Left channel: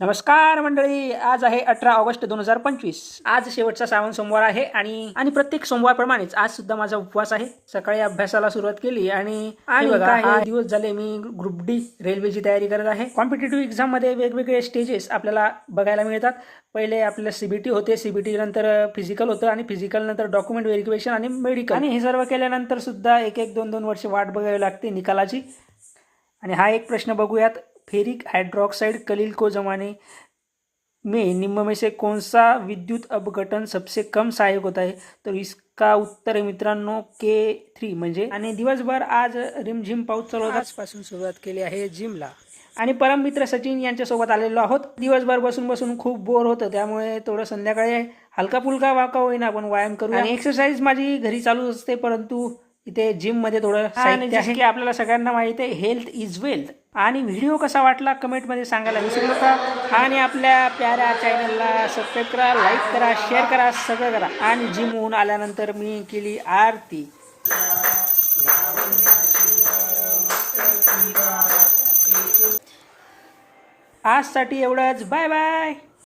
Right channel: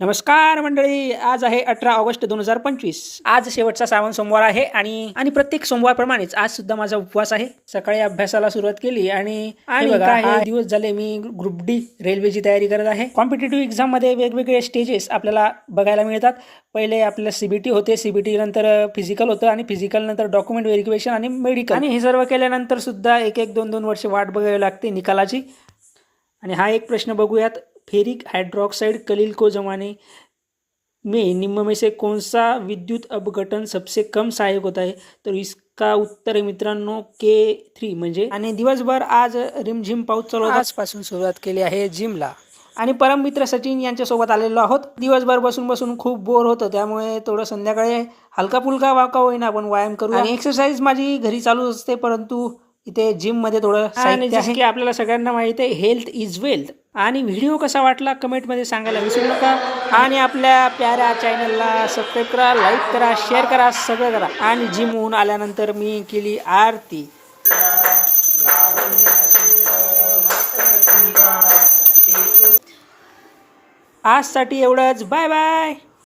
नमस्कार मंडळी, आज आहे 18 ऑगस्ट 2025। आज शेवटचा श्रावण सोमवार आहे आणि प्रत्येक सोमवारप्रमाणेच आज सुद्धा माझा उपवास आहे। सकाळी अभ्यासाला सुरुवात केली आणि बघा हे दिवस झाले मी ग्रुप डी रेल्वेची तयारी करत आहे। कॉम्पिटिटिव्ह एक्झाम मध्ये वेगवेगळे स्टेजेस आपल्याला बघायला मिळतात। पहिले आपलं सीबीटी होते, सीबीटी नंतर फिजिकल होतं आणि फिजिकल नंतर डॉक्युमेंट व्हेरिफिकेशन आणि मेडिकल, आणि हे सर्व केल्यानंतर सुद्धा एक एक दोन वर्ष वाट बघावी लागते निकालाची। आणि हा एक प्रश्न बघूयात, फेरिक हाइड्रोक्साइड कलील को जमाने में निम्न में से कौन सा विद्युत अपघटन सबसे कम सहायक होता है? तर इसका उत्तर आहे मित्रांनो K3 म्हणजे। आणि दिवसभर आज रिमझिम पाऊस चालू होता। आजपासून सुरुवात केली आहे जिमला आणि परम मित्र सचिन यांच्यासोबत आलेलो आहोत। दिवसभर बसून खूप बोर होतं, त्यामुळे थोडं संध्याकाळी हलका फुलका वाका होईना आपण व्यायाम करू। आणि एक्सरसाइज माझी घरी चालू असते, परंतु इथे जिम मध्ये थोडं साहित्य आहे की आपल्याला सगळ्यांना माहिती आहे हेल्थ इज वेल्थ। आणि व्हिडिओ कसा वाटला कमेंटमध्ये सांगायला विसरू नका। आणि आपल्या प्याऱ्या चॅनलला सबस्क्राईब करा, लाईक करा, शेअर करा, सगळं करा। आणि जिमहून आल्यानंतर मी केली आरती। आजसाठी एवढंच, बाय बाय।